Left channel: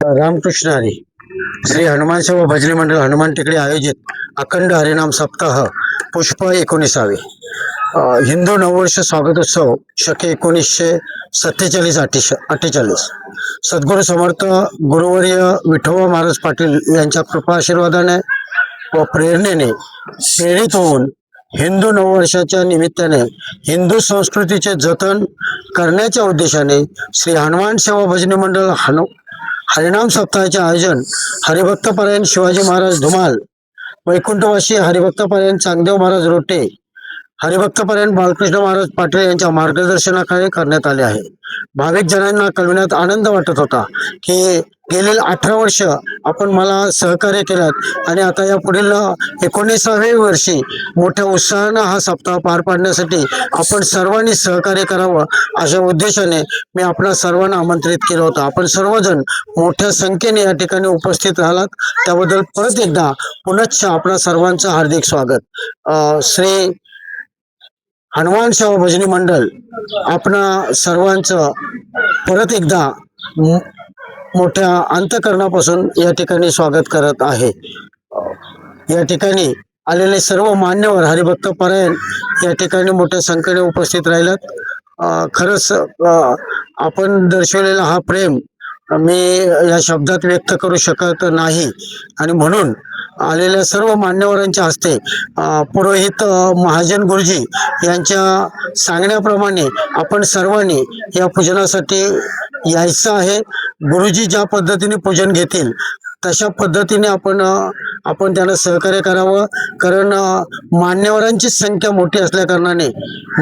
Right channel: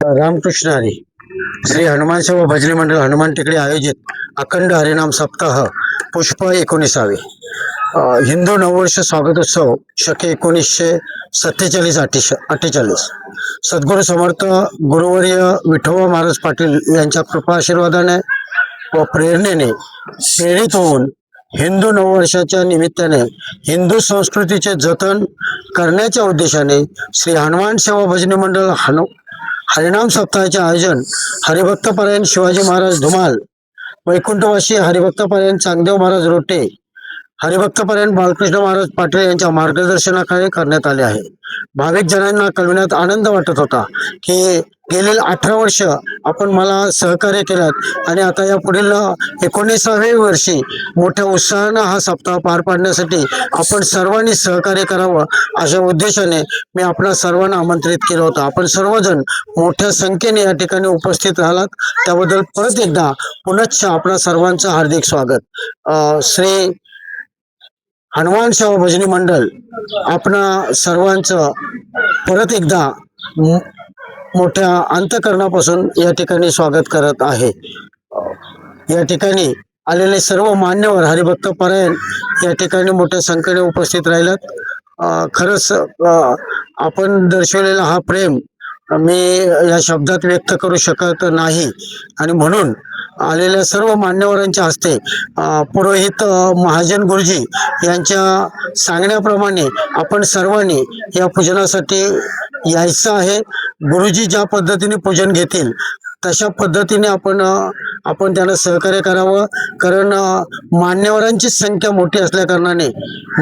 रामकृष्ण हरी. श्री हनुमान सेवा भजनी मंडळ हनुमान टेकडी आयोजित अखंड हरिनाम सप्ताह पुष्प 19. हिंदू नववर्ष स्वागतोत्सव शके 1947-48. सद्गुरू समर्थ गुरुवर्य विठोबा महाराज पाटील यांच्या कृपा आशीर्वादाने व प्रेरणेने प्रेरित होऊन हिंदू नववर्षाच्या निमित्ताने हिंदू संस्कृतीचे जतन करण्याच्या उद्देशाने श्री हनुमान सेवा भजनी मंडळ हरिनाम सप्ताहाचे आयोजन हरिभक्तपरायण शिवाजी महाराज धुमाल, वैकुंठवासी हरिभक्तपरायण चांगदेव महाराज रोटे, हरिभक्तपरायण बालकृष्ण महाराज पाटील यांच्या मार्गदर्शनाखाली करण्यात आले आहे. भाविक जनांना कळविण्यात आनंद वाटत होता की गेली 18 वर्ष आपण मला सहकार्य केलात आणि आता या पुढील 19व्या वर्षी मोठ्या उत्साहानं हा सप्ताह पार पाडण्यासाठी आपण सर्वांनी सहकार्य करावं अशा उद्देशाने मी आपणा सर्वांना आमंत्रित केलं होतं. आपण सर्वजण मोठ्या संख्येने या ठिकाणी उपस्थित राहिलात त्याबद्दल परत एकदा पुनश्च आपणा सर्वांचं हार्दिक स्वागत. श्री हनुमान सेवा भजनी मंडळ आपणा सर्वांचं परत एकदा मोठ्या अंतःकरणापासून या ठिकाणी स्वागत करत आहे. या ठिकाणी आलेले सर्व मान्यवर हरिभक्त परायण या ठिकाणी मोठ्या संख्येने उपस्थित राहिलात. खरंच आपण दर्शवलेला हा प्रेम मी या शब्दात व्यक्त करू शकत नाही आणि म्हणून आलेल्या सर्व मान्यवरांच्या हस्ते पुरोहित महाजन गुरुजी यांच्या सांगण्याप्रमाणे आपण सर्वांनी या पूजनासाठी यायचं आहे. गुरुजी ज्या पद्धतीने पूजन घेतील तशा पद्धतीने आपण त्यांना सहकार्य करावं. कारण मान्यवरांची संख्या मोठी असल्या कारणाने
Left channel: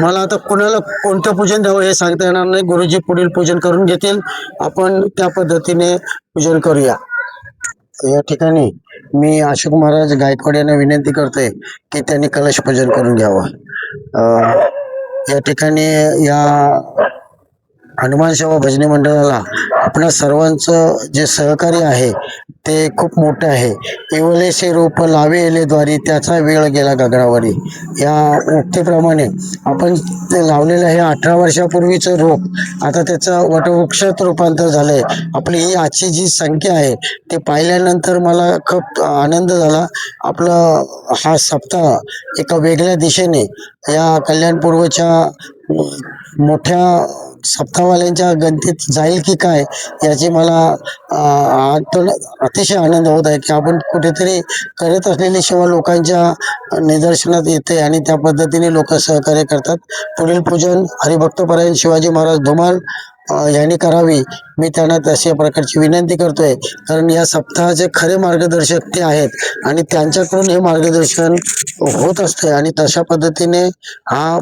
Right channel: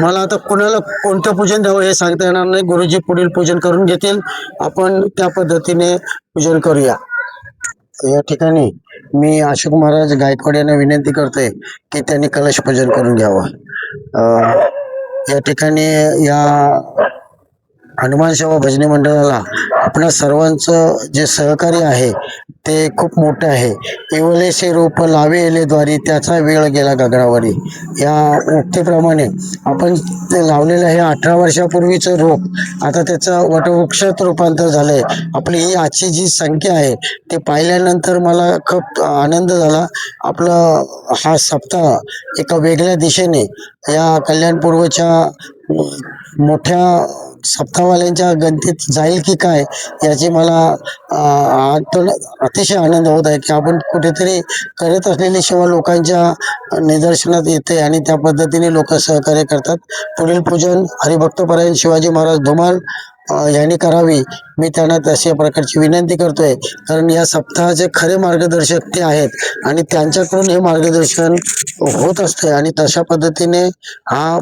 मला आता कुणाला कोणतं पूजन द्यावं हे सांगता येणार नाही. गुरुजी पुढील पूजन करून घेतील, आपण त्या पद्धतीने पूजन करूया. या ठिकाणी मी अशोक महाराज गायकवाड यांना विनंती करतोय की त्यांनी कलश पूजन करून घ्यावं. या ठिकाणी या हनुमान सेवा भजनी मंडळाला आपणा सर्वांचं जे सहकार्य आहे ते खूप मोठं आहे. इवलेसे रूप लावे एले द्वारी त्याचा वेळ गेला गगनावरी या उक्तीप्रमाणे आपण ते लावलेलं आहे 18 वर्षापूर्वीचं रोप आता त्याचं वटवृक्षात रूपांतर झालंय. आपली ही आजची जी संख्या आहे ते पाहिल्यानंतर मला खूप आनंद झाला. आपलं हा सप्ताह एका वेगळ्या दिशेने या कल्याणपूर्वच्या मोठ्या सप्ताहवाल्यांच्या गणतीत जाईल की काय याची मला अतिशय आनंद होत आहे की आपण कुठेतरी करत असलेली सेवा लोकांच्या निदर्शनात येते आणि त्या पद्धतीने लोक सहकार्य करतात. पुढील पूजन हरिभक्तपरायण शिवाजी महाराज धुमाल यांनी करावी मी त्यांना तशा प्रकारची विनंती करतोय. कारण या सप्ताहाचे खरे मार्गदर्शक ते आहेत आणि त्यांच्याकडून हे मार्गदर्शन होत असते आणि तशा पद्धतीने हा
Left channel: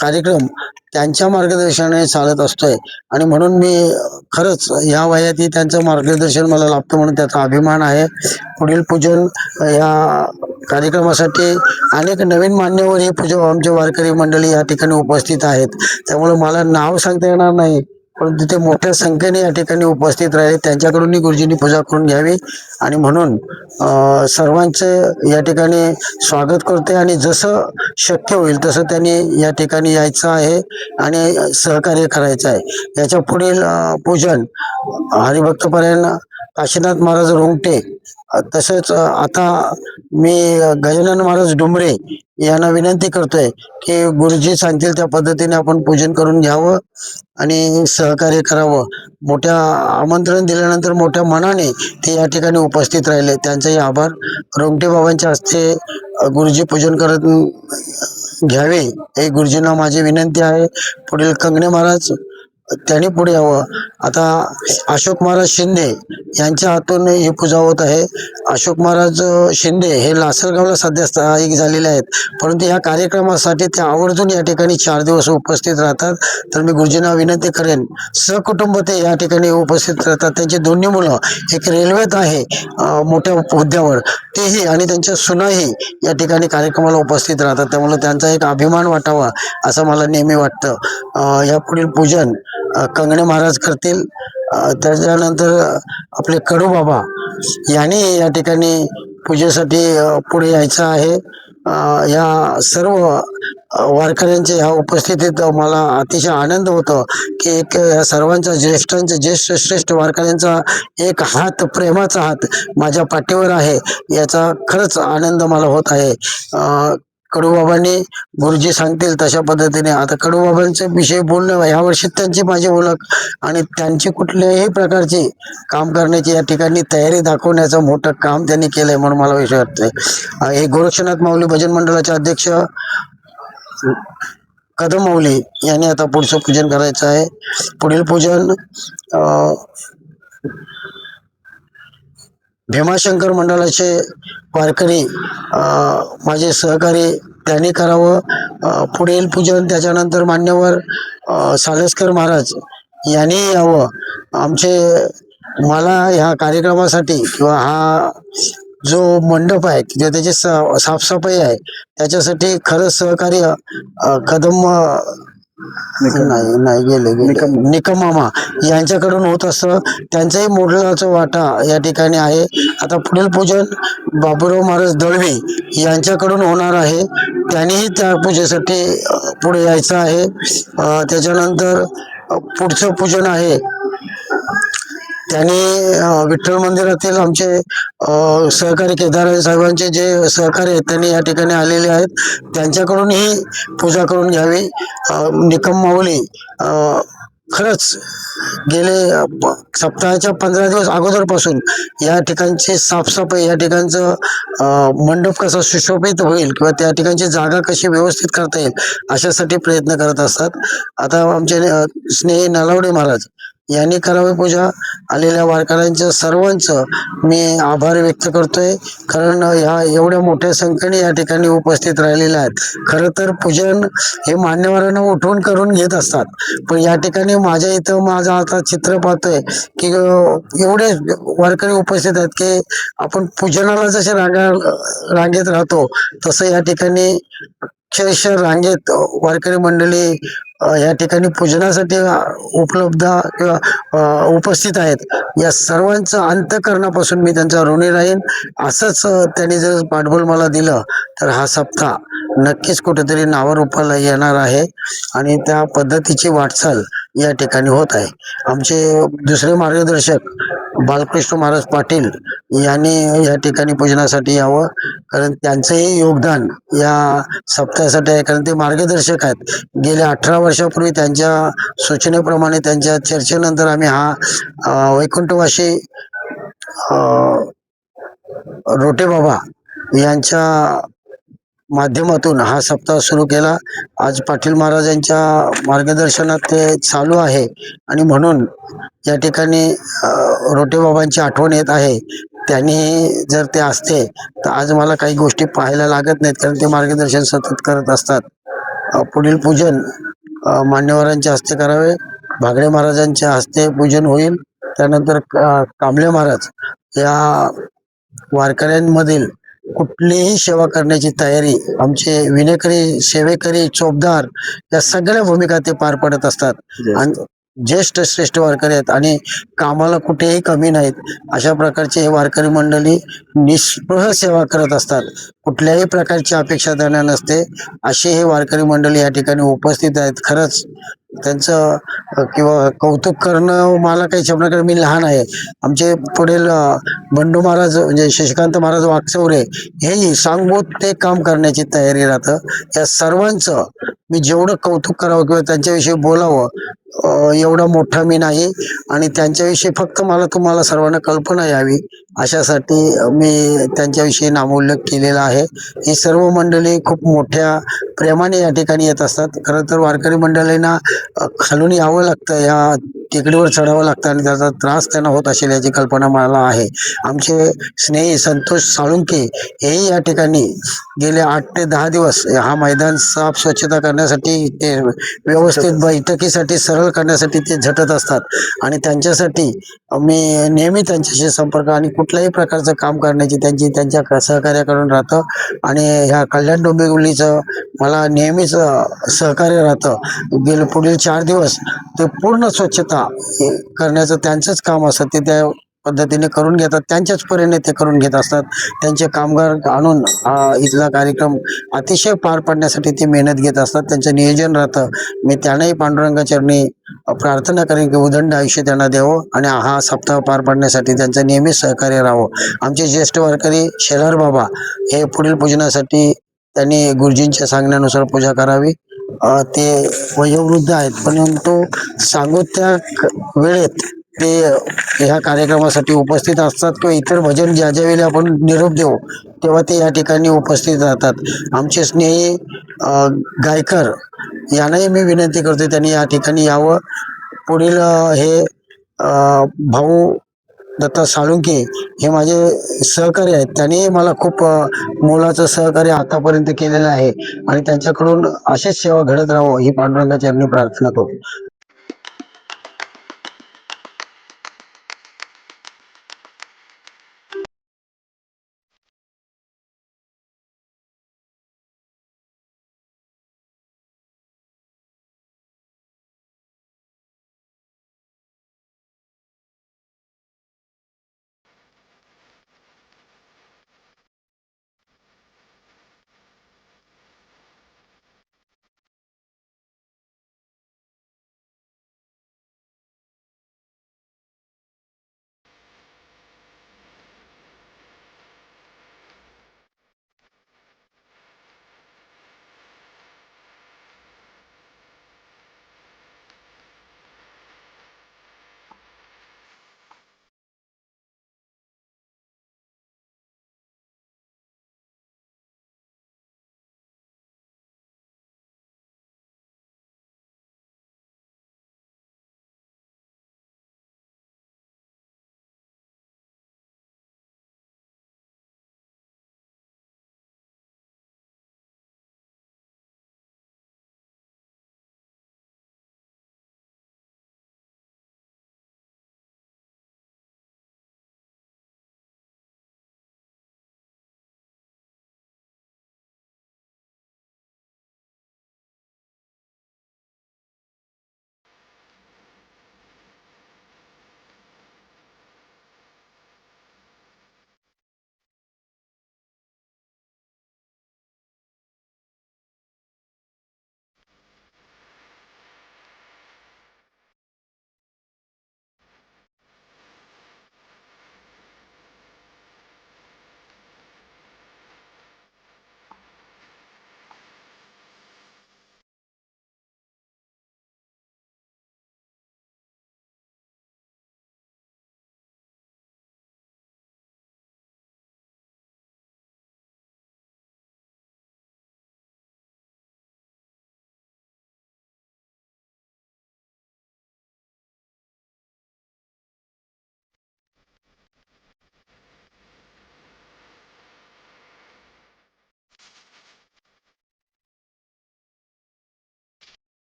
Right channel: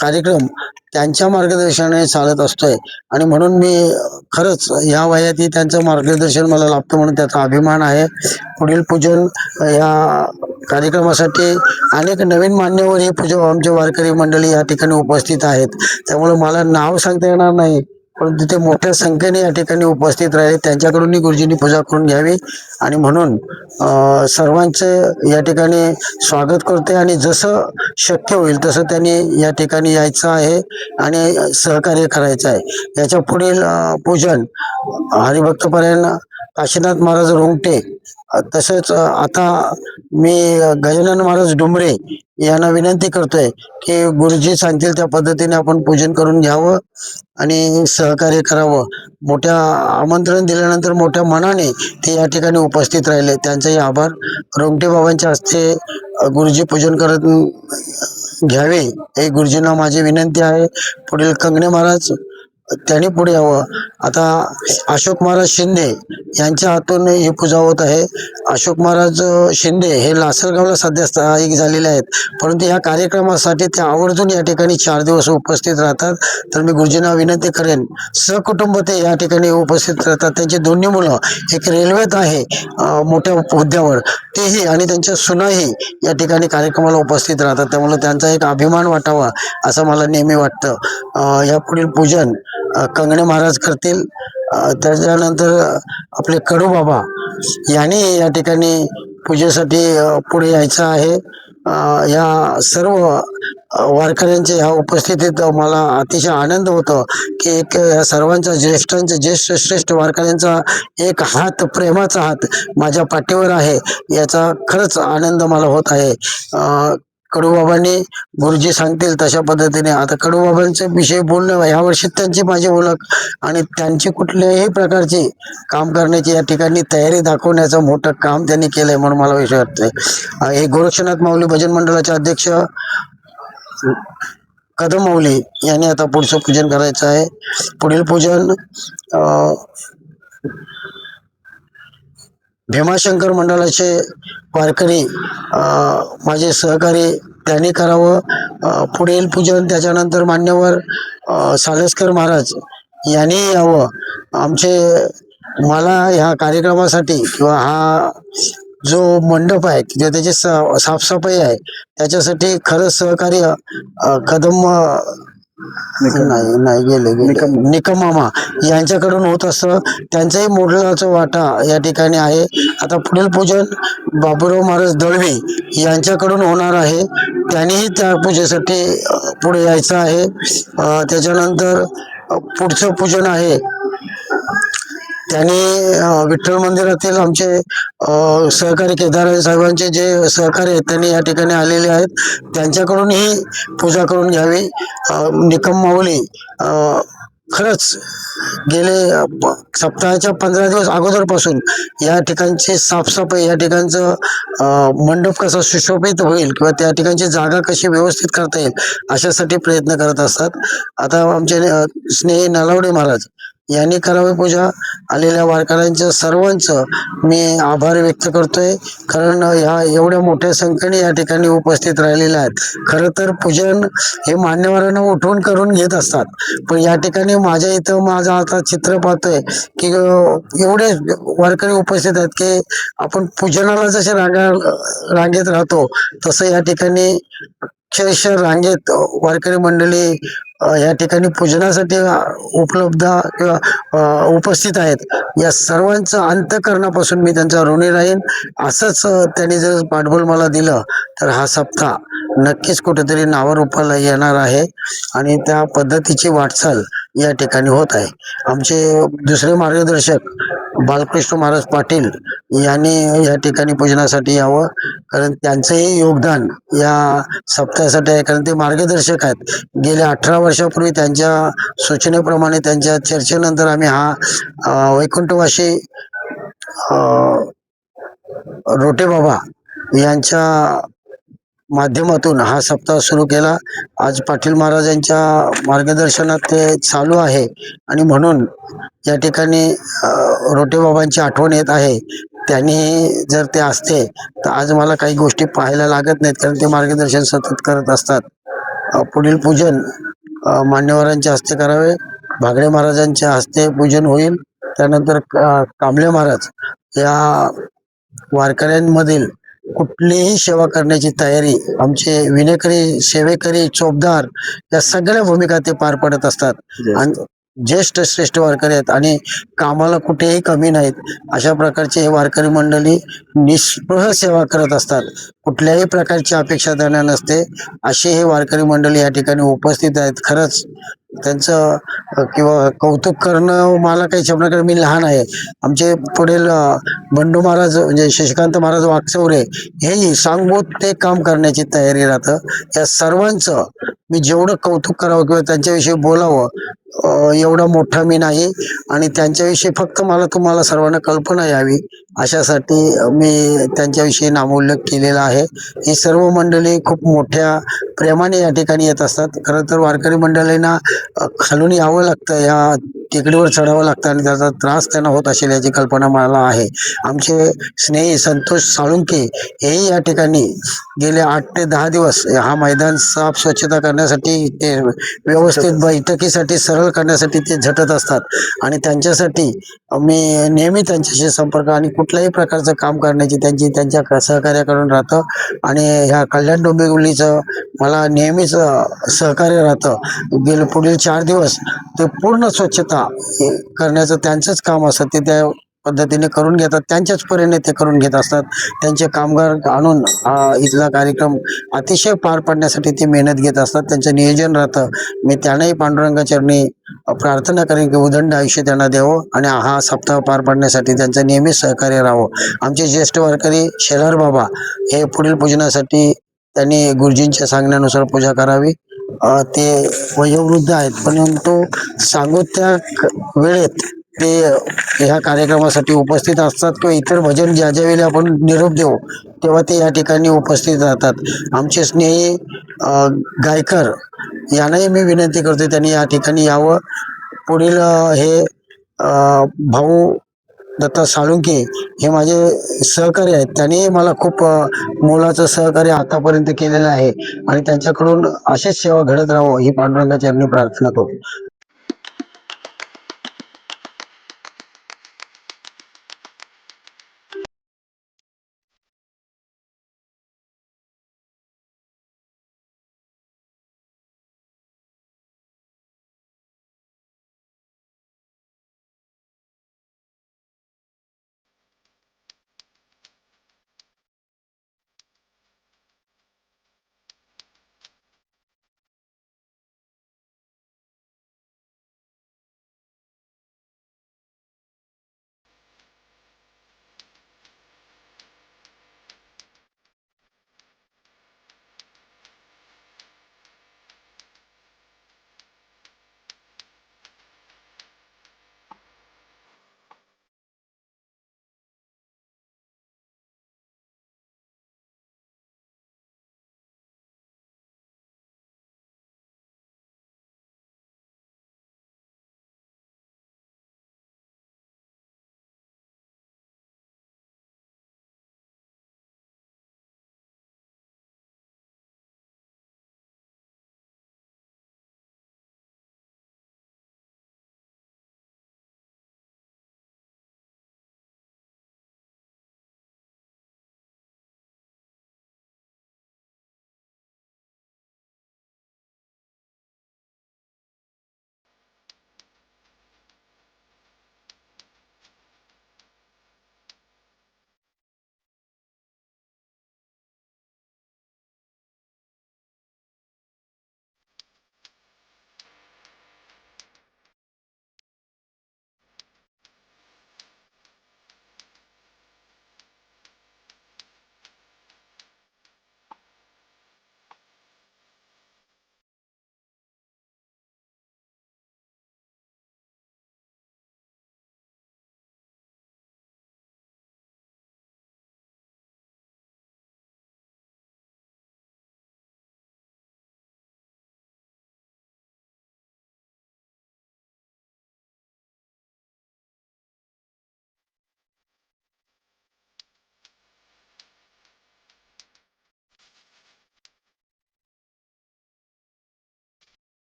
कार्यक्रम त्यांच्या मार्गदर्शनाने चालत असतोय आणि म्हणून मी खरंच या वयातही त्यांचं मार्गदर्शन मला लाभतं म्हणून त्याचा अभिमान आहे. पुढील पूजन या कार्यक्रमासाठी अनेक नवीन मान्यवर हे पूजन आमचे वारकरी मंडळी या ठिकाणी उपस्थित आहेत. त्यामुळे मला नाव सांगता येणार नाही परंतु ते मोठ्या संख्येने या ठिकाणी उपस्थित राहिले. त्यांच्याकडूनही गुरुजींनी पूजा करून घ्यावी आणि म्हणून सर्वांचे या ठिकाणी स्वागत करते आणि जसं शक्य होईल तसं त्यांनी या ठिकाणी यायचं आहे आणि सहकार्य करायचं आहे. याच्या पुढील पूजन हरिभक्तपरायण काशीनाथ महाराज रोंगटे तसेच आता मी गजानन महाराज डुमरे यांना विनंती करतोय की गुरुजी सांगतील त्या पद्धतीने आपण पूजन करून घ्यावं आणि सहकार्य करावं. मोठ्या आमंत्रण दिल्यानंतर मोठ्या मनाने ते या ठिकाणी उपस्थित राहिले त्यांचाही आभार. रोंगटे बाबांच्या हस्ते गुरुजी पूजन करत घ्यावे हे गुरुजींना माझी विनंती आहे. पुढील कंगणे महाराज त्यांनी पुढे यावं. आता अशोक महाराज शिंदे यांच्या हातून ही पूजा होत आहे. अशोक महाराज शिंदे हे लासलगावला सध्या स्थायिक झालेले आहेत परंतु या कार्यक्रमासाठी ते आवर्जून या ठिकाणी 4 दिवस उपस्थित राहतात. तर मी गुरुजींना विनंती करेन सहकुटुंब ते या ठिकाणी उपस्थित राहतात. त्यांची दोन्ही मुलं एक रेल्वेत आहे मोठ्या हुद्द्यावर तेही आणि त्यांच्या सुनाही या ठिकाणी कार्यक्रमाला उपस्थित राहतात. त्यामुळे त्यांचा एक अभिमान वाटावा असं मला नेहमी वाटतं. या पुढील पूजन कंगणे महाराज करतील. त्याच्यानंतर आपले कडू बाबा यांनी या ठिकाणी पूजेसाठी पुढे यायचं आहे. या सर्व वारकऱ्यांच्या ह्या उपस्थितीत मला अतिशय आनंद होतो की एक या सर्वांचा ज्येष्ठांचा ज्येष्ठ श्रेष्ठ वारकऱ्यांचा एक हात, प्रेमाचा हात माझ्या पाठीवर आहे, याचा खरंच आनंद मला होत आहे. कडूबाबांनी गुरुजी सांगतील तशा पद्धतीने आता कडूबाबांच्या विषयी बोलणं, ह्या वर्षी त्यांची माझी ओळख आणि त्यांची कुठल्याही प्रकारची काम करण्याची या ठिकाणी तयारी दाखवण्याचं मोठं काम त्यांनी केलंय म्हणून मला विषय वाटतंय. हे गोरक्षनाथ माऊली भजन मंडळाचे अध्यक्ष कदम माऊली यांनी आता पुढचं पूजन करायचं आहे. पुढील पूजन भीमाशंकर मंडळाचे वारकरी माझे सहकारी त्यांनी करावं. पुढील पूजन त्याच्यानंतर मान्यवर सालसकर महाराज यांनी यावं. मला ह्या कार्यक्रमासाठी किंवा हा जो मंडप आहे किंवा त्याची साफसफाई आहे त्याच्यासाठी खरंच सहकार्य कदम नाही गेले निकम मामा यांच्याकडून होत असतं. त्यांचाही मोलाचा वाटा या ठिकाणी आहे. आता पुढील पूजन बाबूराव महाराज दळवी यांच्याकडून होणार आहे. त्यांनीही त्या पूजेसाठी पुढे यायचं आहे. त्याच्यानंतर पुढचं पूजन आहे त्यांनी विठ्ठल मंदिरातील आमचे सहकारी केदार साहेबांचे जे सहकारी आहेत त्यांनी या ठिकाणी आलेले आहेत, त्यांच्याकडून ही पूजा करून घ्यावी. निकम माऊली खरंच गेले सप्ताहाच्या 15 दिवस अगोदरपासून या ठिकाणची साफसफाई, या ठिकाणचं मंडप कसा सुशोभित होईल किंवा त्या ठिकाणची जागा कशी व्यवस्थित करता येईल अशासाठी प्रयत्न करत असतात. आता आमचे स्नेही नलावडे महाराज यांनी करावी पूजा. आलेल्या वारकऱ्यांच्या सर्वांचं मी आभार व्यक्त करतोय, कारण ह्या एवढ्या मोठ्या संख्येने या ठिकाणी उपस्थित राहिलेल्या आहेत. खरं तर पूजन हे मान्यवरांना उठवून करून घेत असतात, पण या ठिकाणी माझ्या इथं माझं आता चित्र पाहतोय की एवढे वारकरी उपस्थित आहेत की आपण पूजनाला जसे रांगेत राहतो तसं या ठिकाणी अक्षरशः रांगेत वारकरी मंडळी या ठिकाणी पूजनासाठी उपलब्ध किंवा उपस्थित आहेत. या सर्वांचं अंतःकरणापासून मी त्यांचा ऋणी राहीन. असंच त्यांनी जर पाठबळ मला दिलं तर हा सप्ताह नक्कीच कुठेतरी नावारूपाला येणार आहे आणि त्या पद्धतीची वाटचाल या ठिकाणी होत आहे. आमचे दुसरे मार्गदर्शक बालकृष्ण महाराज पाटील यांनी या ठिकाणी पूजनासाठी यावं, कारण त्यांचंही योगदान या सप्ताहासाठी आहे. कारण ते मार्गदर्शक आहेत. गेल्या 18 वर्षापूर्वी त्यांच्या सूचनेप्रमाणे त्यांच्या चर्चेनंतर आम्ही हा वैकुंठवासी रोटे बाबा यांच्या माध्यमातून हा सप्ताह सुरू केला. आज पाटील महाराजांच्या मार्गदर्शनात ते चालू आहे आणि म्हणून या ठिकाणी रोटे बाबांची आठवण येत आहे. त्यांनी जर ते असते तर आज मला काही गोष्टी पाहायला लागत नाहीत, कारण ते मार्गदर्शन सतत करत असतात. पुढील पूजन मान्यवरांच्या हस्ते करावे. भागडे महाराजांच्या हस्ते पूजन होईल. त्यानंतर कांबळे महाराज या वारकऱ्यांमधील कुठलीही सेवा करण्याची तयारी, आमचे विनेकरी, सेवेकरी, चोपदार या सगळ्या भूमिका ते पार पडत असतात आणि ज्येष्ठ श्रेष्ठ वारकरी आहेत आणि कामाला कुठेही कमी नाहीत. अशा प्रकारचे हे वारकरी मंडळी निस्पृह सेवा करत असतात. कुठल्याही प्रकारची अपेक्षा त्यांना नसते. असे हे वारकरी मंडळी या ठिकाणी उपस्थित आहेत. खरंच त्यांचं किंवा कौतुक करणं मला काही शब्दाकडे, मी लहान आहे. आमचे पुढील बंडू महाराज म्हणजे शशिकांत महाराज वाकचौरे हेही सांगभूत ते काम करण्याची तयारी राहतं. या सर्वांचं मी जेवढं कौतुक करावं किंवा त्यांच्याविषयी बोलावं एवढा मोठा मी नाही आणि त्यांच्याविषयी फक्त मला तुम्हाला सर्वांना कल्पना यावी अशासाठी मी त्यांच्याविषयी नामोल्लेख केलेला आहे. ही सर्व मंडळी खूप मोठ्या प्रेमाने या ठिकाणी येत असतात. खरं तर वारकरी मंडळींना खालून यावं लागतं, या टेकडीवर चढावं लागतं आणि त्याचा त्रास त्यांना होत असेल याची कल्पना मला आहे. आमचे स्नेही संतोष साळुंके हेही या ठिकाणी गेले 8 ते 10 दिवस हा मैदान साफ स्वच्छता करण्यासाठी, ते व्यवस्थित बैठकीसाठी सरळ करण्यासाठी ते झटत असतात आणि त्यांच्यासाठी मी नेहमी त्यांच्याशी संपर्क आणि कुठल्याही प्रकारचं काम करण्याची त्यांच्या सहकार्याकडून राहतं आणि ह्या कल्याण डोंबिवलीचं मला नेहमीच सहकार्य राहतं. गेले पुढील 4 दिवस ते पूर्ण स्वच्छता करण्याचं त्यांचंच काम असतं. ते त्या पद्धतीने करून घेतात, त्यांच्याच परीने ते करून घेत असतात. त्यांचे कामगार आणून हा इथला कार्यक्रम अतिशय पार पाडण्यासाठी ते मेहनत घेत असतात. त्यांचं नियोजन राहतं. मी त्यानेही पांडुरंगा चरणी प्रार्थना करेन की उदंड आयुष्य त्यांना द्यावं आणि हा सप्ताह पार पाडण्यासाठी त्यांचं नेहमीच सहकार्य राहावं. आमचे ज्येष्ठ वारकरी शेलार बाबा हे पुढील पूजनासाठी त्यांनी गुरुजींच्या सांगण्यानुसार पूजा करावी. ते वयोवृद्ध आहेत, परंतु सांगू त्या वेळेत ते ह्या कार्यक्रमासाठी उपस्थित असतात किंवा इतर भजन ज्या ज्या वेळी आपण निरोप देऊ तेव्हा ते या ठिकाणी उपस्थित राहतात. आमचे स्नेही गायकर यांनाही मी विनंती करतो त्यांनी या ठिकाणी यावं. पुढील हे भाऊ दत्ता साळुंके हे माझे सहकारी आहेत. त्यांनी मला खूप मोलाचं सहकार्य आतापर्यंत केलेलं आहे आणि त्यांच्याकडून अशीच सेवा घडत राहावं ही पांडुरंगाची आम्ही प्रार्थना करतो.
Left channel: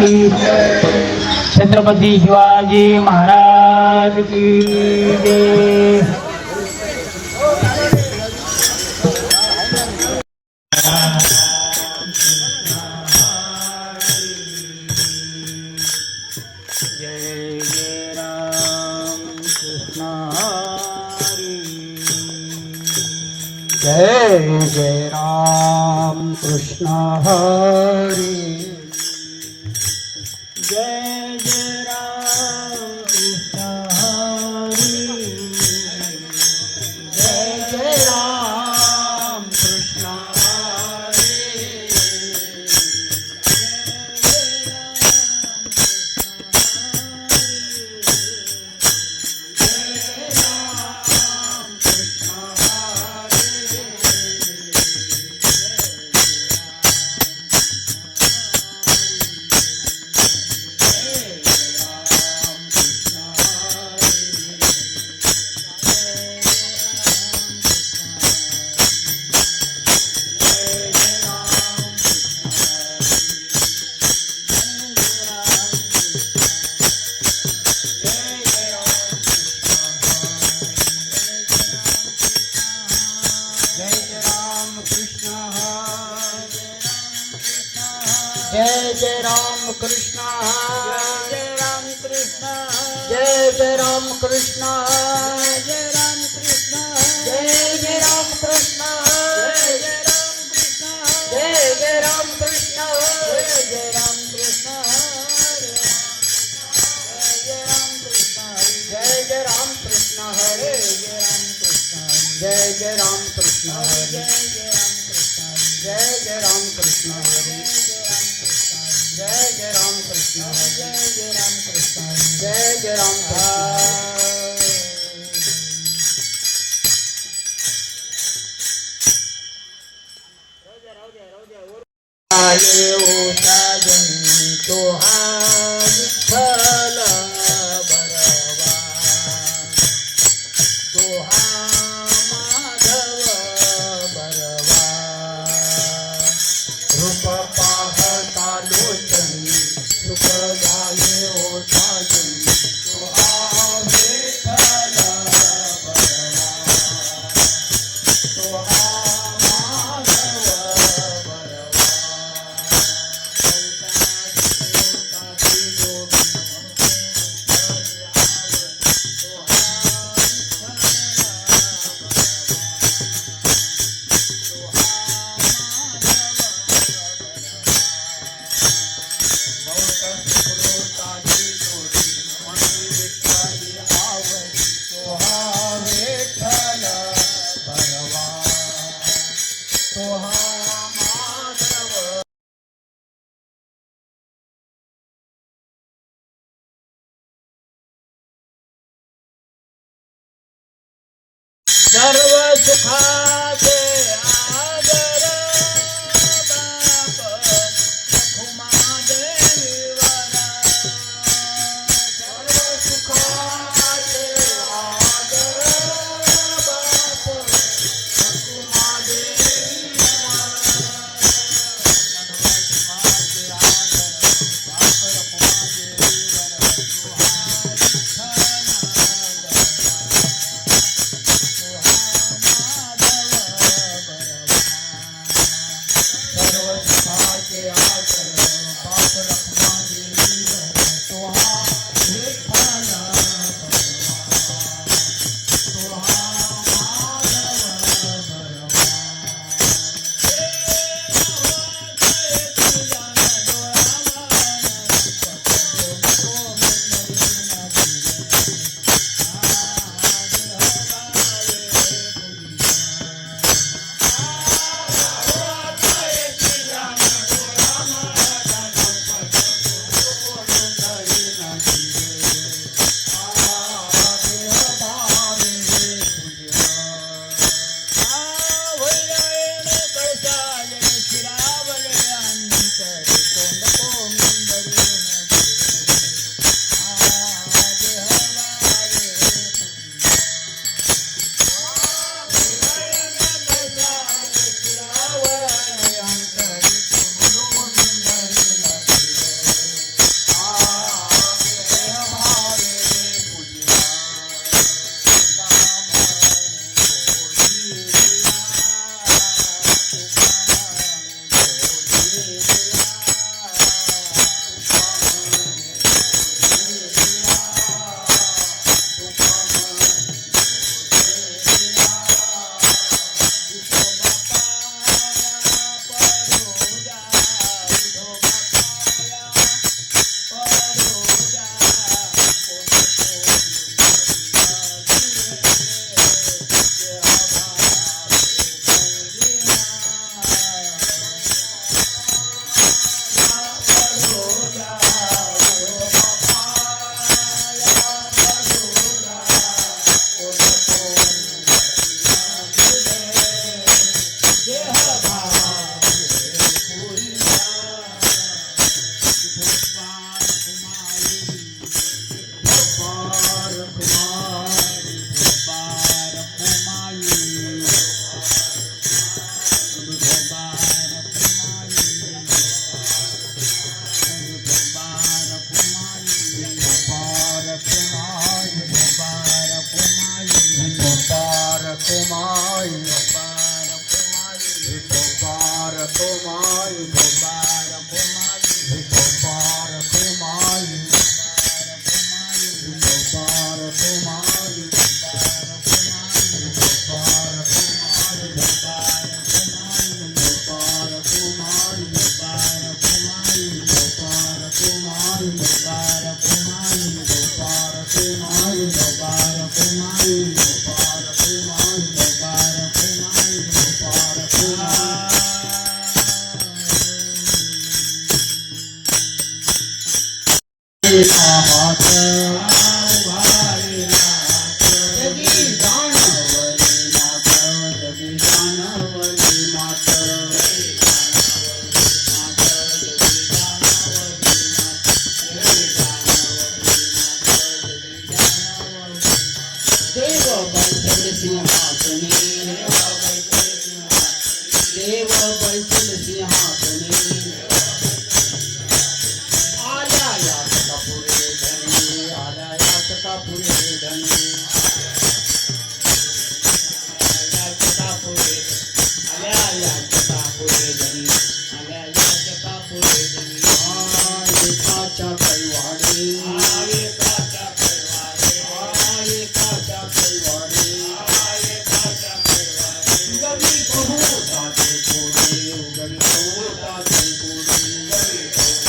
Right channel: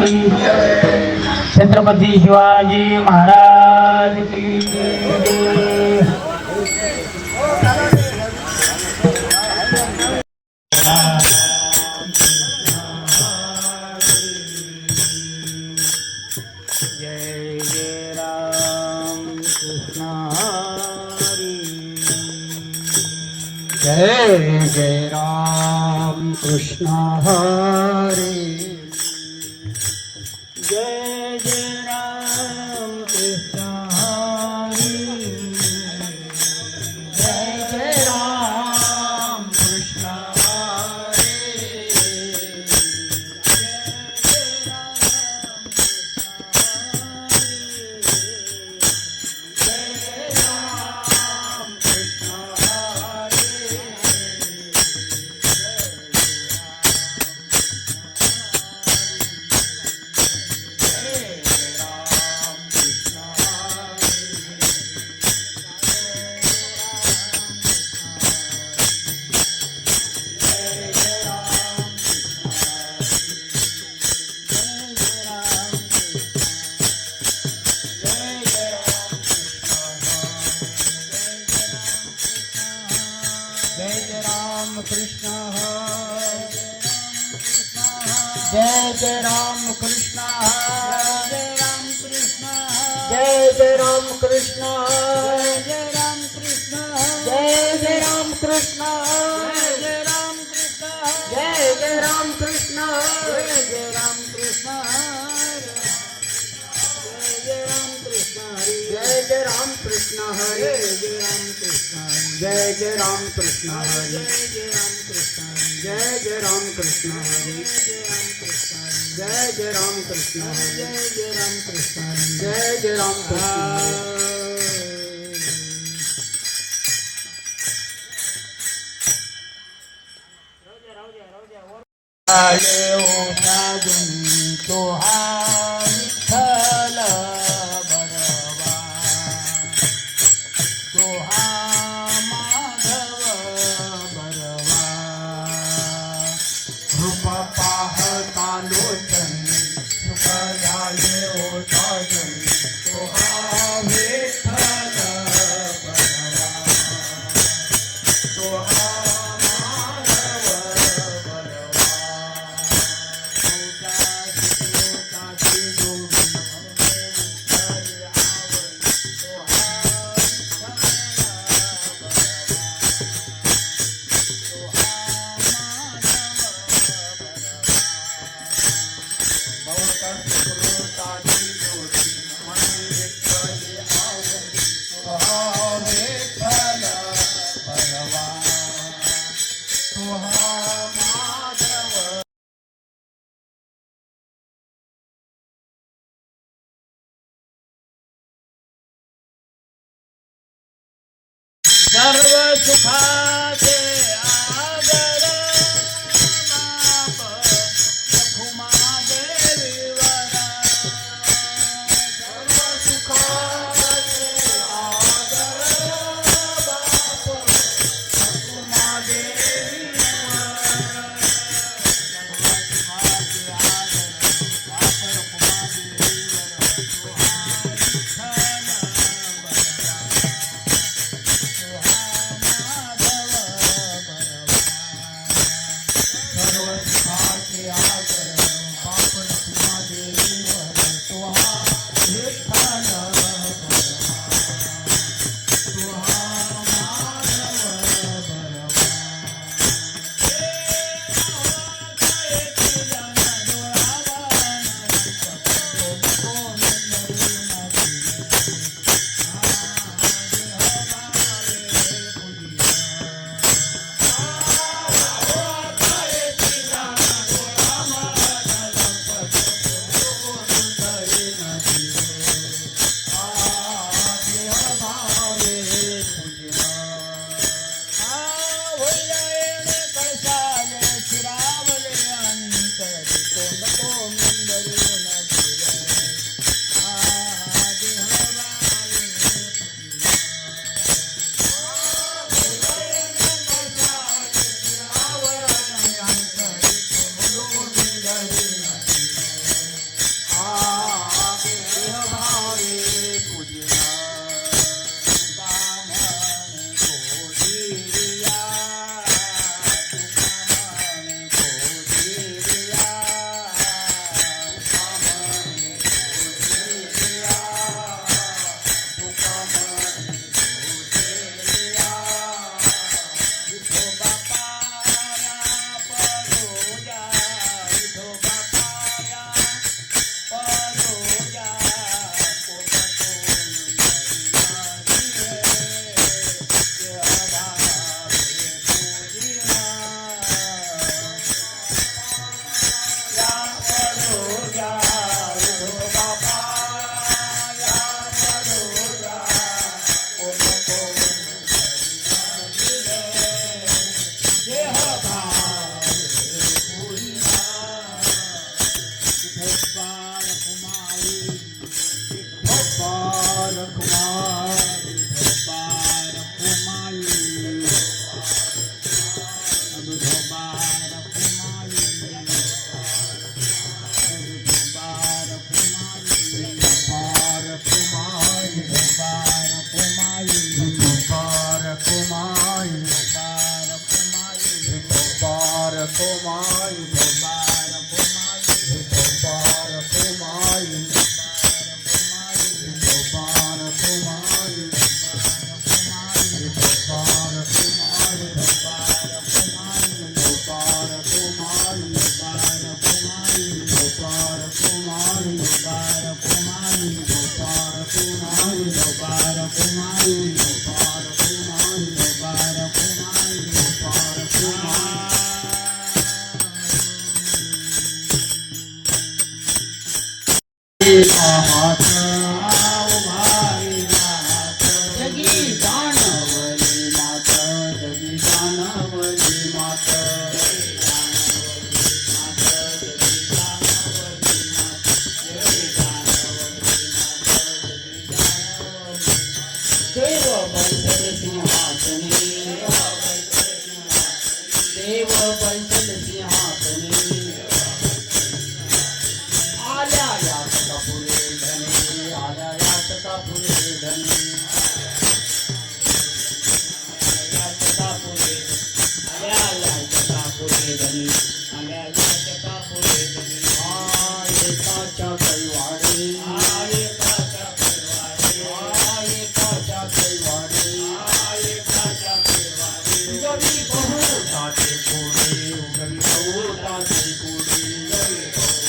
की छत्रपती शिवाजी महाराज की जय. जय जय राम कृष्ण हरी. जय जय राम कृष्ण हरी. जय जय राम कृष्ण हरी. जय जय राम कृष्ण हरी. जय जय राम कृष्ण जय राम कृष्ण जय जय राम कृष्ण जय राम कृष्ण जय जय राम कृष्ण जय राम कृष्ण जय जय राम कृष्ण जय राम कृष्ण जय जय राम कृष्ण हरे जय राम कृष्ण जय जय राम कृष्ण हरे जय जय राम कृष्ण हरे जय जय राम कृष्ण जय जय राम कृष्ण जय जय राम कृष्ण. आले ओ साजन तो विठ्ठल बरवा तो माधव बरवा रूप पाहता लोचनी सुख झाले ओ साजन तो विठ्ठल बरवा तो माधव सर्व सुखाचे आदर बाप रखुमादेवीवर सर्व सुखाचे आदर बाप कुमारी गोपाल कुमारी गोपाल कुमारी गोपाल कुमारी गोपाल जगी जानवरी मात जगी जानवरी मात देव बैठल सिंहासने देव बैठल सिंहासने आल्या यात कपुरे धनी आल्या यात कपुरे धनी यात कपुरे आल्या यात कपुरे धनी आल्या यात कपुरे धनी एकाच्या कैवाडे एकाच्या कैवाडे एकाच्या कैवाडे उगवी बहुताचे कोडे उगवी बहुताचे कोडे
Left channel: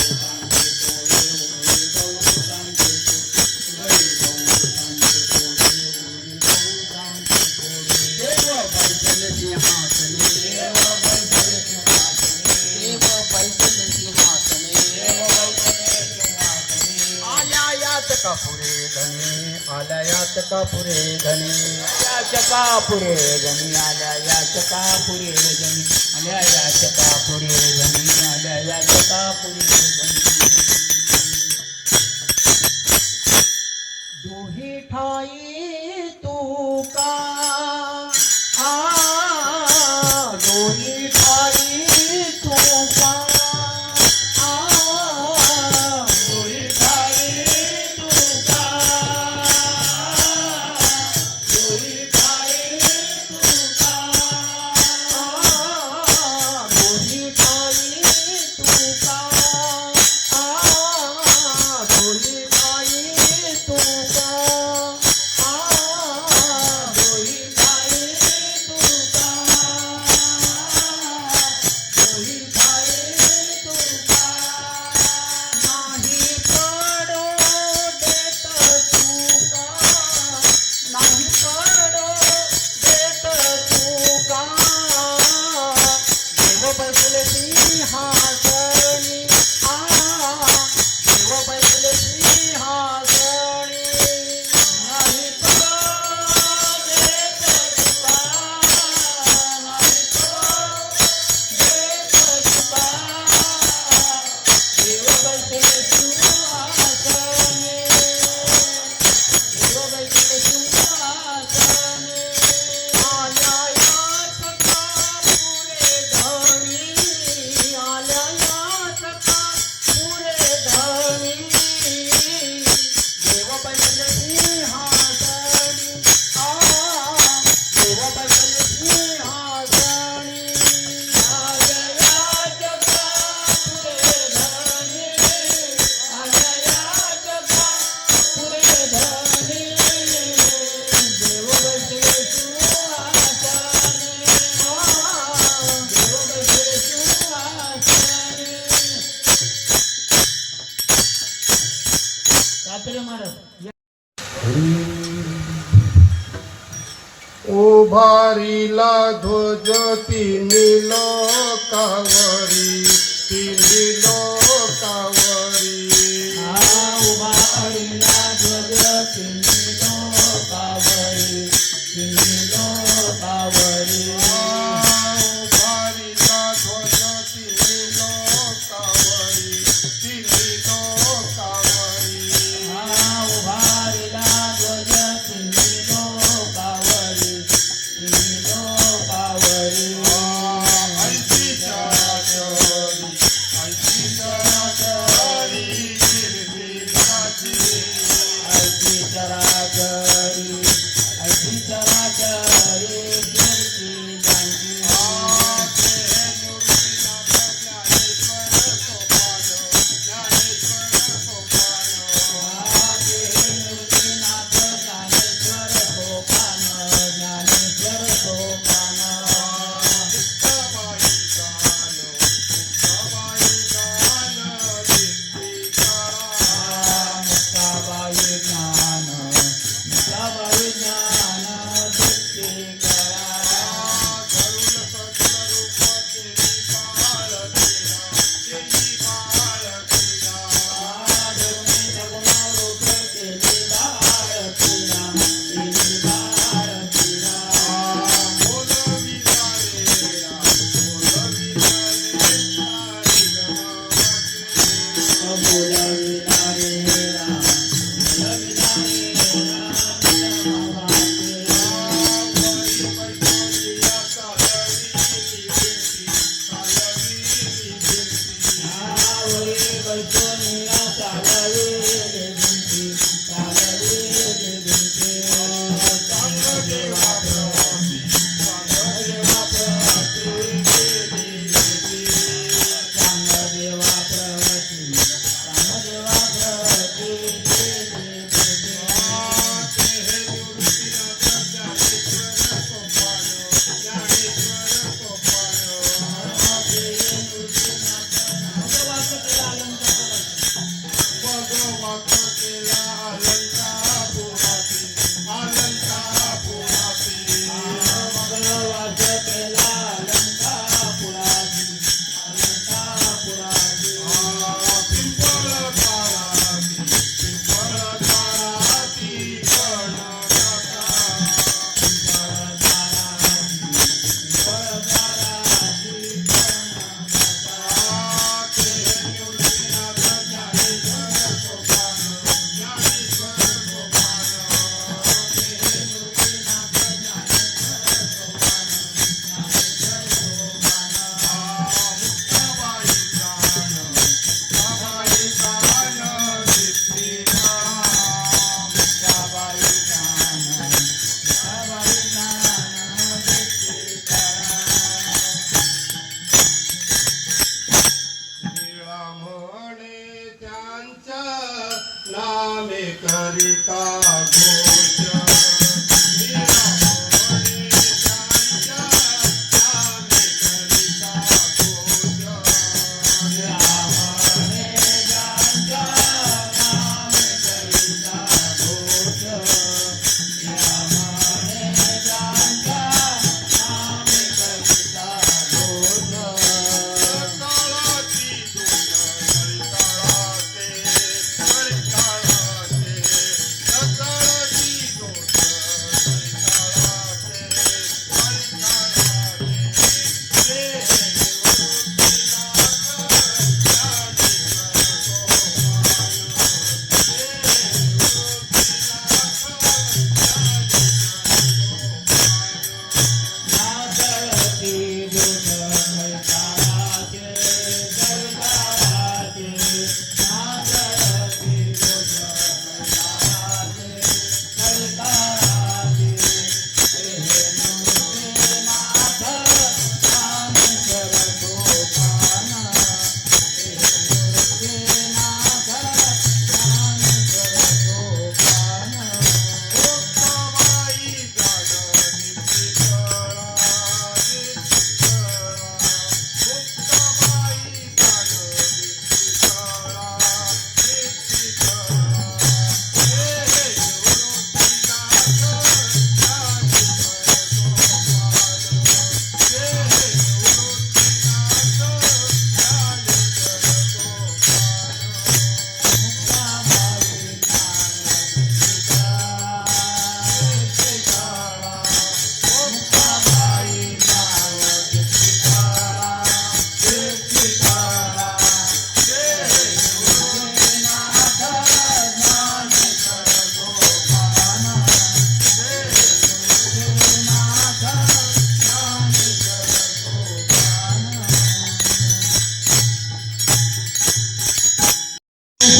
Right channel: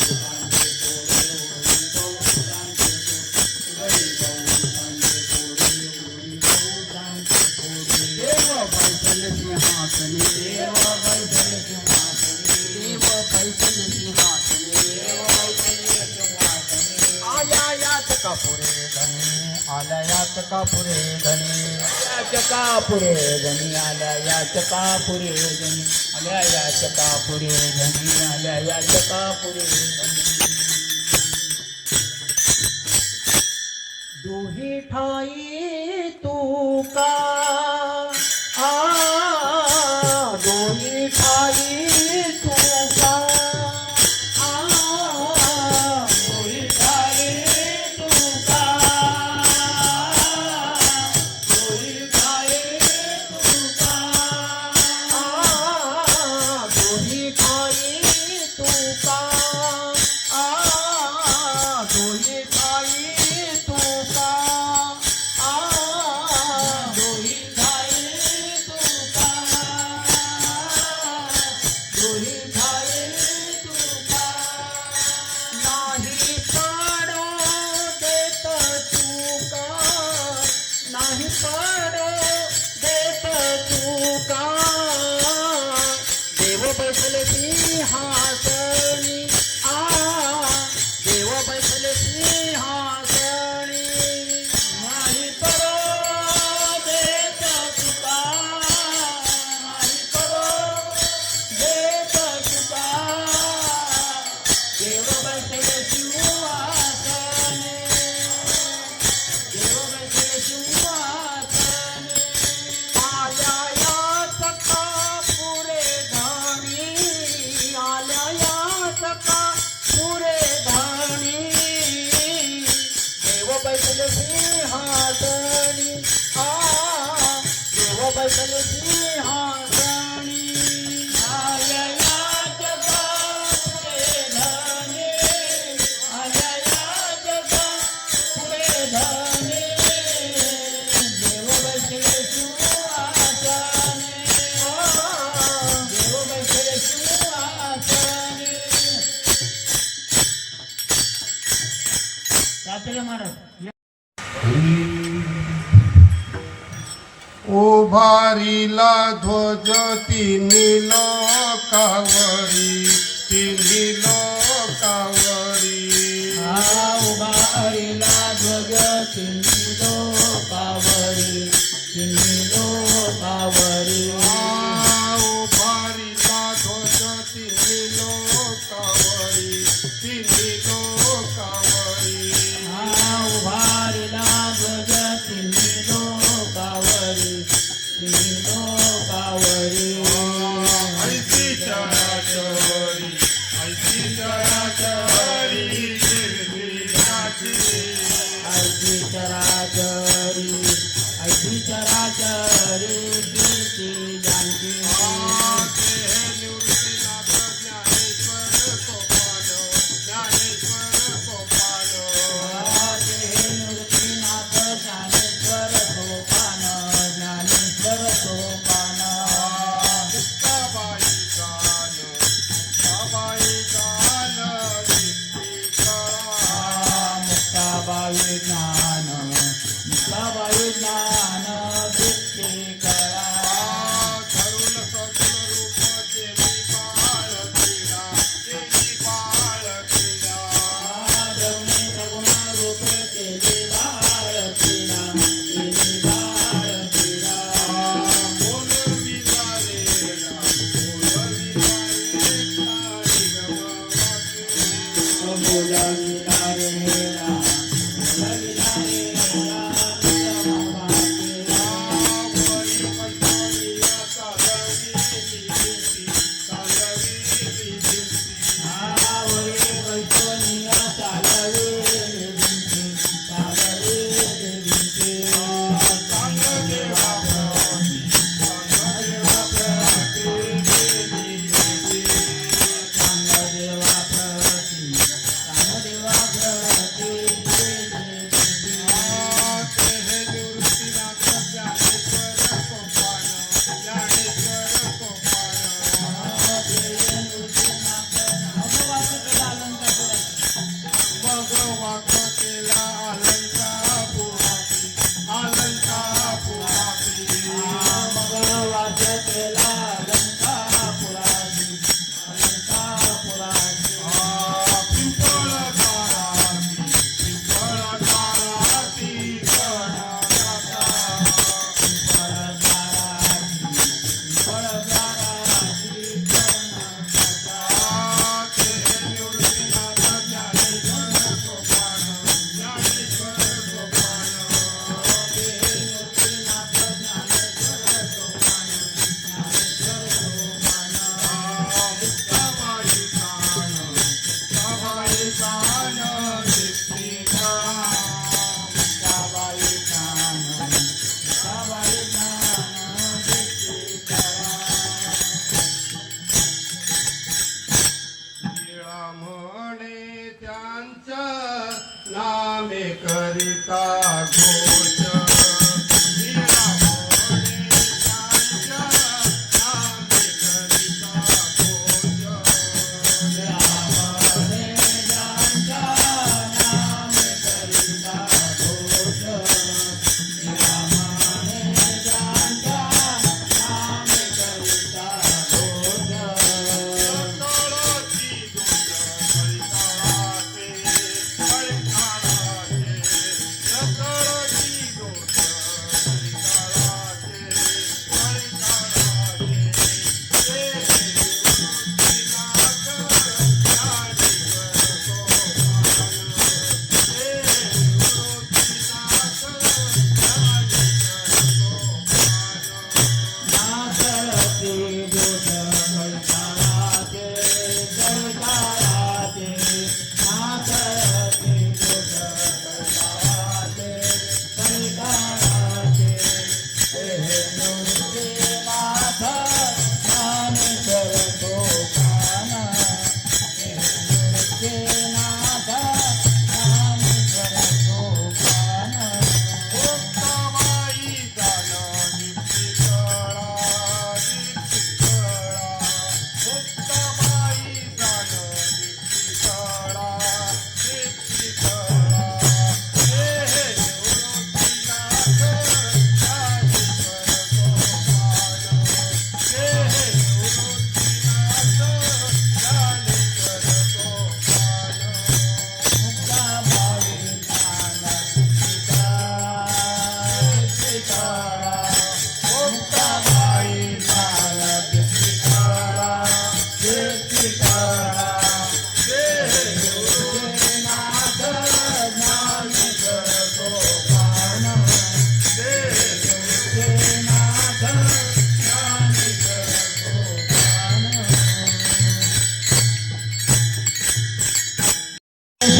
देव बैठल सिंहासने देव बैठल सिंहासने आल्या यात कपुरे धनी आल्या यात कपुरे धनी यात कपुरे धनी आल्या यात कपुरे धनी आल्या यात कपुरे धनी आल्या यात कपुरे धनी दुही ठाई तुका दोही ठाई तुका दोही ठाई तुका दोही ठाई तुका दोही ठाई तुका दोही ठाई तुका दोही ठाई तुका दोही ठाई तुका नाही पडो देत तुका नाही पडो देत तुका देव बसले सिंहासनी देव बसले सिंहासनी नाही पडो देत तुका नाही पडो देत तुका देव बसले सिंहासनी देव बसले सिंहासनी आल्या यात कपुरे धनी आल्या यात कपुरे धनी देव बसले सिंहासनी देव बसले सिंहासनी आल्या यात कपुरे धनी आल्या यात कपुरे धनी देव बसले सिंहासनी देव बसले सिंहासनी तात्या महाराज उभारीला ध्वज तिन्ही लोकावरी तिन्ही लोकावरी उभारीला ध्वज तिन्ही लोकावरी तिन्ही लोकावरी उभारीला ध्वज तिन्ही लोकावरी तिन्ही लोकावरी उभारीला ध्वज तिन्ही लोकावरी तिन्ही लोकावरी ऐसीच्या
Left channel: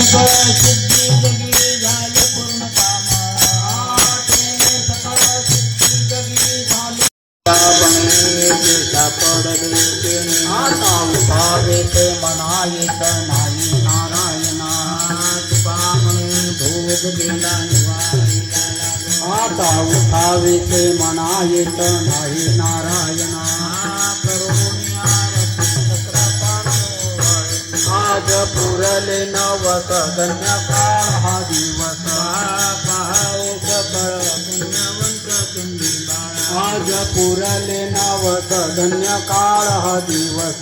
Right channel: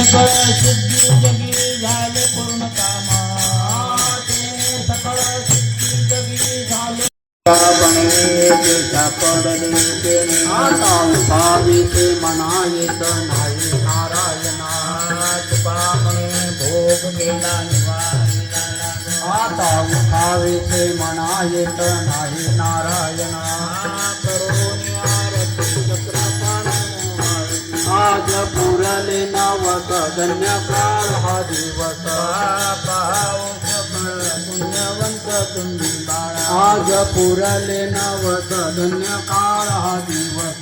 सकळ सिद्धी जगी झाले पूर्ण काम तेने सकळ सिद्धी जगी झाले सापडले तेने आता उठावे ते म्हणायेत नाही नारायणा पाहुणे भोग गेला आता उठावे ते म्हणायेत नाही नारायणा आज पुरले नवत धन्य काळ हा दिवस पाऊस बळ पुण्यवंत तुम्ही बाळा आज पुरले नवत धन्य काळ हा दिवस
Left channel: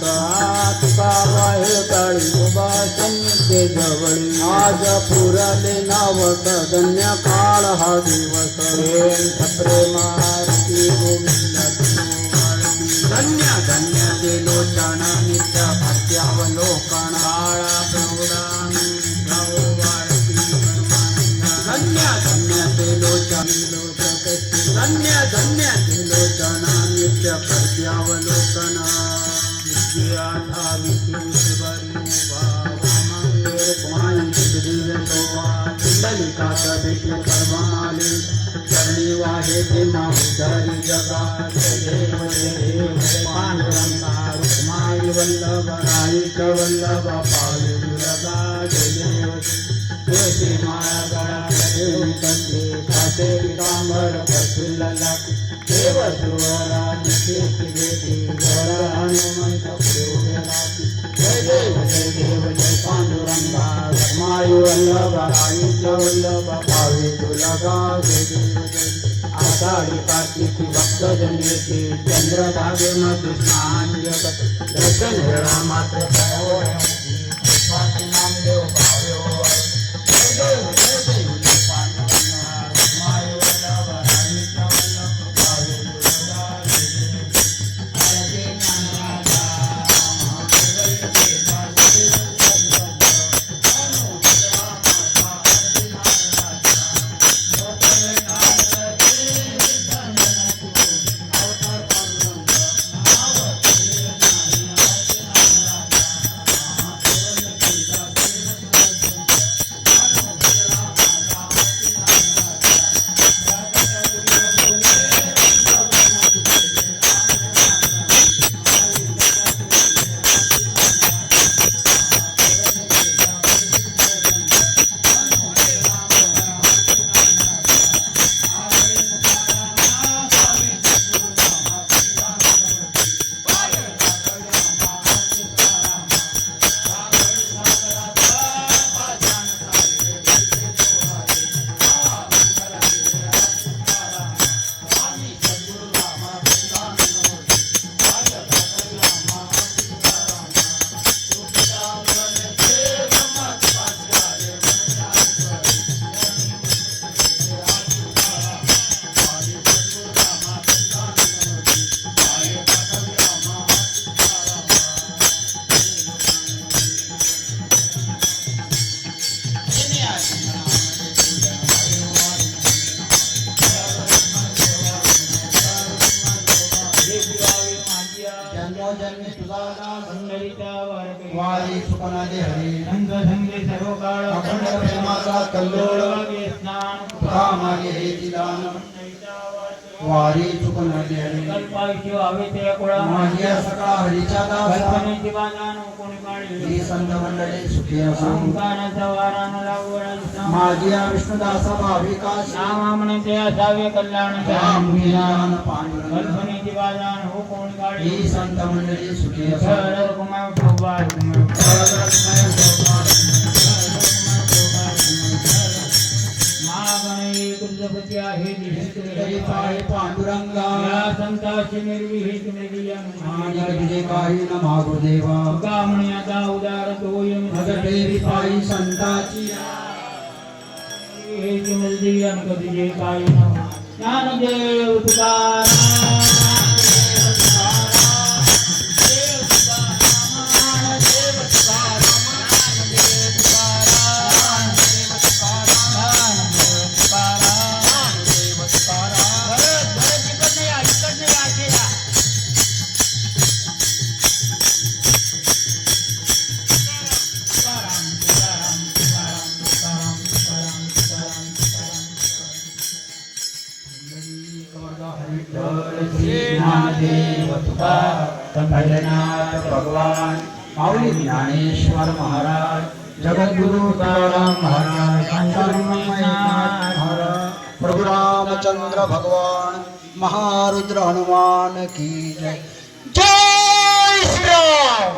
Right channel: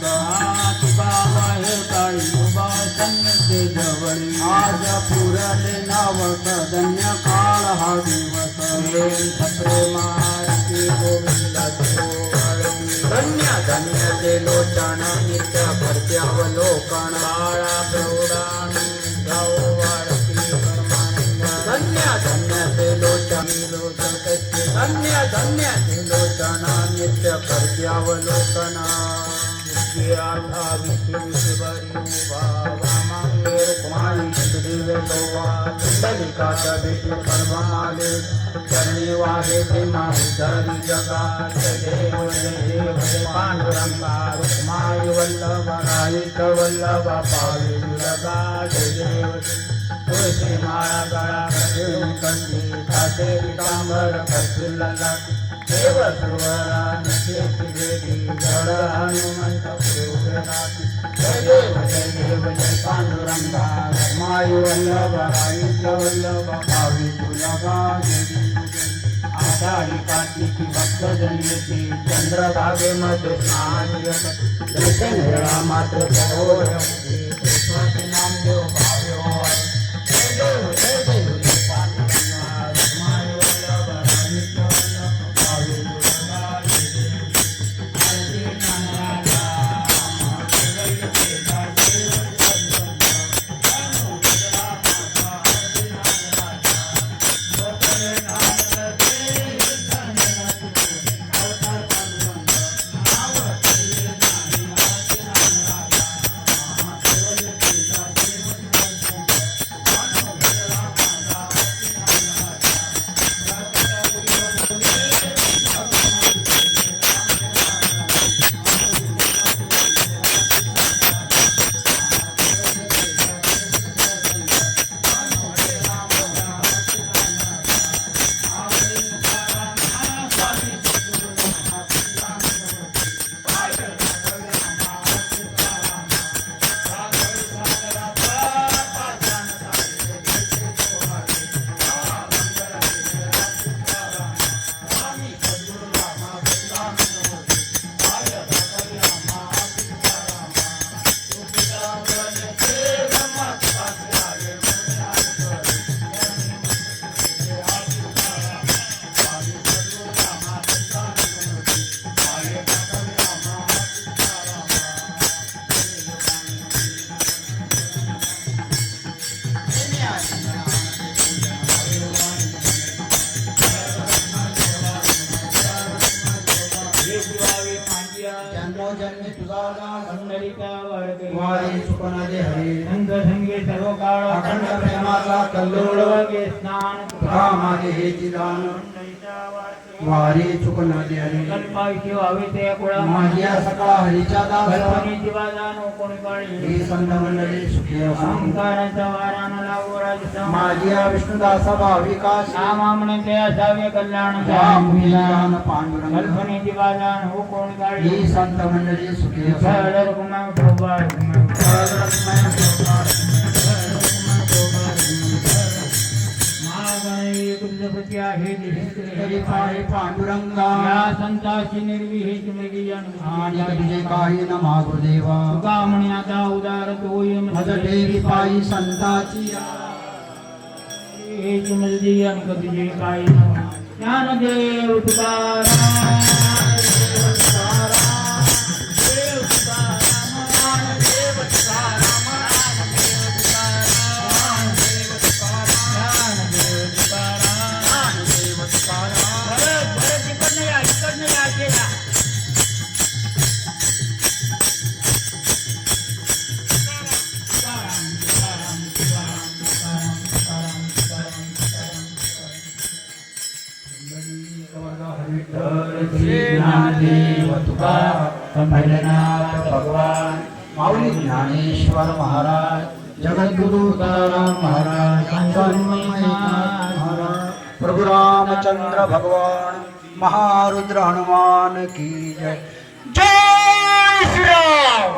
तुझा वाहे टाळी उभा सन्निधे जवळी आज पुरले नवत धन्य काळ हा दिवस प्रेमाची गोविंदा धन्य धन्य देलोचन नित्य कर्त्यावलोकन बाळा धन्य धन्य देलोचन धन्य धन्य देलोचन नित्य कर्त्यावलोकन वाहे ते माधुरी जगा माई वल्लभ राईक वल्लभ पावली जगा तुळशी माळा गळा देवी कंठी काटे पितांबर प्रफुल्ल देव सर्वरा नित्येची भेटी घर हनुमंत जय देव जय पांडुरंगा माई वल्लभ राईक वल्लभ पावली तुलगा जय देव आषाढी कार्तिकी भक्तजनेचे चंद्रभागेमध्ये स्नान दर्शन वेळा मात्र वारी सुपनादे हरे रंग संगे सर्व काळ अखंड प्रेमाचा कल्लोळ स्नान तुका मागे हे दान वारी सुपनादे हरे कल्पायची व्हावे ते कुळा माझ्या सकाळ हरीचा दास कल्पने जीवादान कोणी काळी ही संत मंडळी सुखी संतानाचा वारान लागोराज माझ्या विष्णुदासा भाविका नामा म्हणते असावे कल्याण मुनीदान पांडुरंग कल्पने जीवादान हो कोणी काळी ही संत मंडळी सुखी सरळ गुणा गोपाळ पांडुरंगा या संताची निर्विहित निर्वियन काही न महादेवा कामण्याचा उदार तोय मददेवी पायी संताची हे नदी अंक तुझे काही ज्ञानदेव तुकाराम भैरनाथ भगवान माऊली ज्ञानेश्वर महाराज जगद्गुरु तुकाराम महाराज महाराज प्रभु रामचंद्र भगवान महारुद्र हनुमान की जय जय श्री राम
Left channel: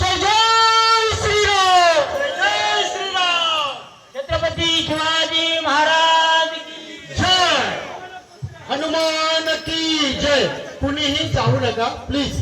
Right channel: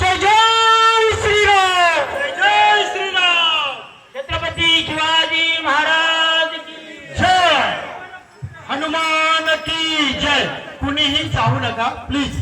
जय जय श्री राम जय श्रीराम छत्रपती शिवाजी महाराज की जय हनुमान की जय कुणीही जाऊ नका प्लीज